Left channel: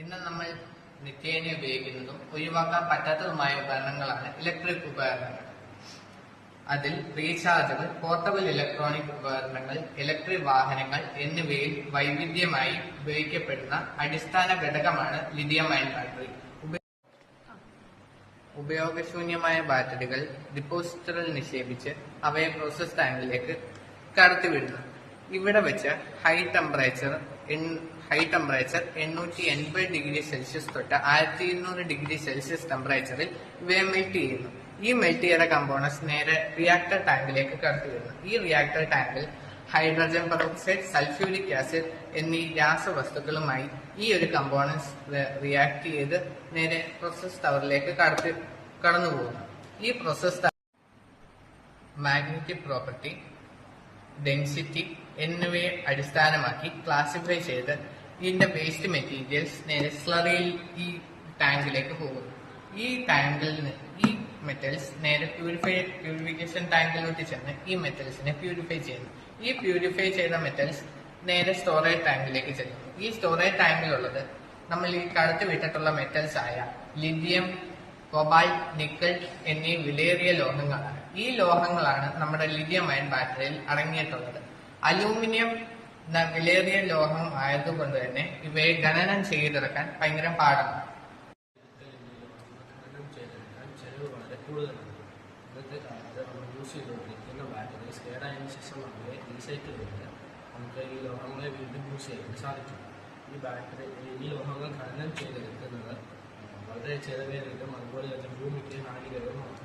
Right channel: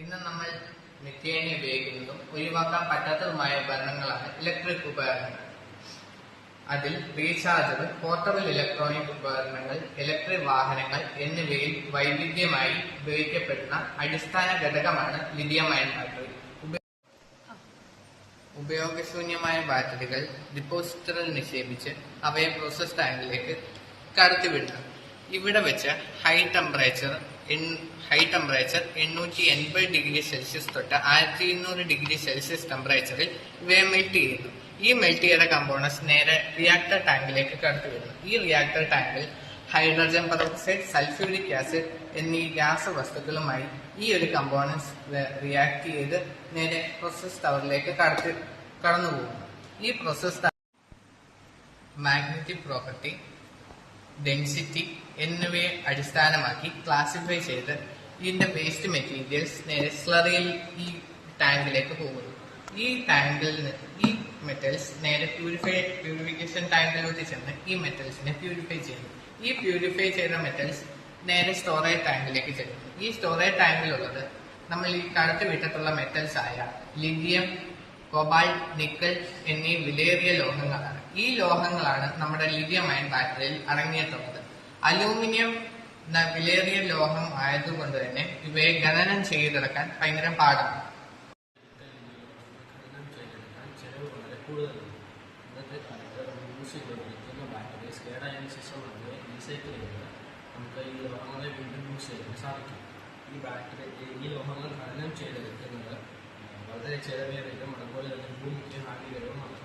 ഇന്ന് നമ്മൾ നിത്യേന ഉപയോഗിക്കുന്നതും ഒഴിവാക്കാൻ പറ്റാത്തതുമായ ഉപകരണങ്ങളാണ് ഇലക്ട്രിക് ഉപകരണങ്ങൾ. അതിൽ റീചാർജർ, പോർട്ടബിൾ ഇലക്ട്രോണിക് ഉപകരണങ്ങൾ, ഇലക്ട്രിക് വാഹനങ്ങൾ എന്നിവയിൽ വൈവിധ്യമായി ഉപയോഗിക്കപ്പെടുന്ന അടിസ്ഥാന ഘടകമാണ് ലിഥിയം അയൺ ബാറ്ററി. ഉപയോഗശൂന്യമായ ബാറ്ററികൾ ഡിപ്പോസിറ്ററിൽ നിക്ഷേപിച്ച് അവയെ പ്രോസസ് ടാങ്കിലേക്ക് കടത്തിവിടുന്നു. ഇവിടെ വെച്ച് ഹൈ ടെമ്പറേച്ചർ 880°C തൊട്ട് 1200°C ടെമ്പറേച്ചറിൽ ഇവയെ മെൽറ്റ് ചെയ്യുന്നു. ഈ മെൽറ്റ് ചെയ്ത കമ്പോണൻസ് നേരെ റിയാക്ടർ ടാങ്കിലേക്ക് കടത്തിവിടുന്നു. ഈ റിയാക്ടർ ടാങ്കിൽ ഹൈഡ്രജൻ പെറോക്സൈഡ്, സൾഫ്യൂരിക് ആസിഡ് എന്നീ രാസവസ്തുക്കളുമായി ഈ ഒരു കമ്പോണൻസ് റിയാക്ട് ചെയ്ത് നേരെ പ്രോസസ് ടവറിലേക്ക് കടന്നുപോകുന്നു. ഈ പ്രോസസ് മാഗ്നറ്റിക് പ്രോപ്പർട്ടി, ഡെൻസിറ്റി എന്നിവയെ അടിസ്ഥാനമാക്കി ക്ലാസിഫൈ ചെയ്ത് ഇതിന്റെ വേസ്റ്റ് മെറ്റീരിയൽസ് നേരെ സ്ലറിയിൽ ഈ ടാങ്കിലേക്ക് പോകുന്നു. ഈ മെറ്റൽസ് നേരെ പ്യൂരിഫിക്കേഷൻ ടാങ്കിലോട്ട് ചെന്ന് ഈ മെറ്റൽസിനെ പ്യൂരിഫൈ ചെയ്യുന്നു. ഈ പ്യൂരിഫൈ ചെയ്ത മെറ്റൽസ് നേരെ സ്റ്റോറേജ് ടാങ്കിലേക്ക് ചെല്ലുന്നു. ഈ സ്റ്റോറേജ് ടാങ്കിലുള്ളത് നമ്മൾ ഈ കടത്തി വിട്ടിട്ടുള്ള മെറ്റൽസ് ആയ ലിഥിയം, കൊബാൾട്ട്, നിക്കൽ എന്നീ വിലയേറിയ ലോഹങ്ങളാണ്. ഈ ലോഹങ്ങളാണ് നമ്മുടെ ലിഥിയം അയൺ ബാറ്ററിയിൽ അടങ്ങിയിട്ടുള്ളത്. അലൂമിനിയം വിലയേറിയ ലോഹം ആയതുകൊണ്ട് തന്നെ ഇവയെ ഖനനം ചെയ്തെടുക്കാൻ ഭയങ്കര പാടാണ്. നമുക്ക് ഈ ലോഹങ്ങളെ വീണ്ടും യൂസ് ചെയ്യാൻ സാധിക്കും. ഈ ലോഹങ്ങൾ ഖനനം ചെയ്തെടുക്കുന്നത് വളരെ ചെലവേറിയതും അതുപോലെ തന്നെ ഭൂമിക്ക് ഹാനികരവുമാണ്.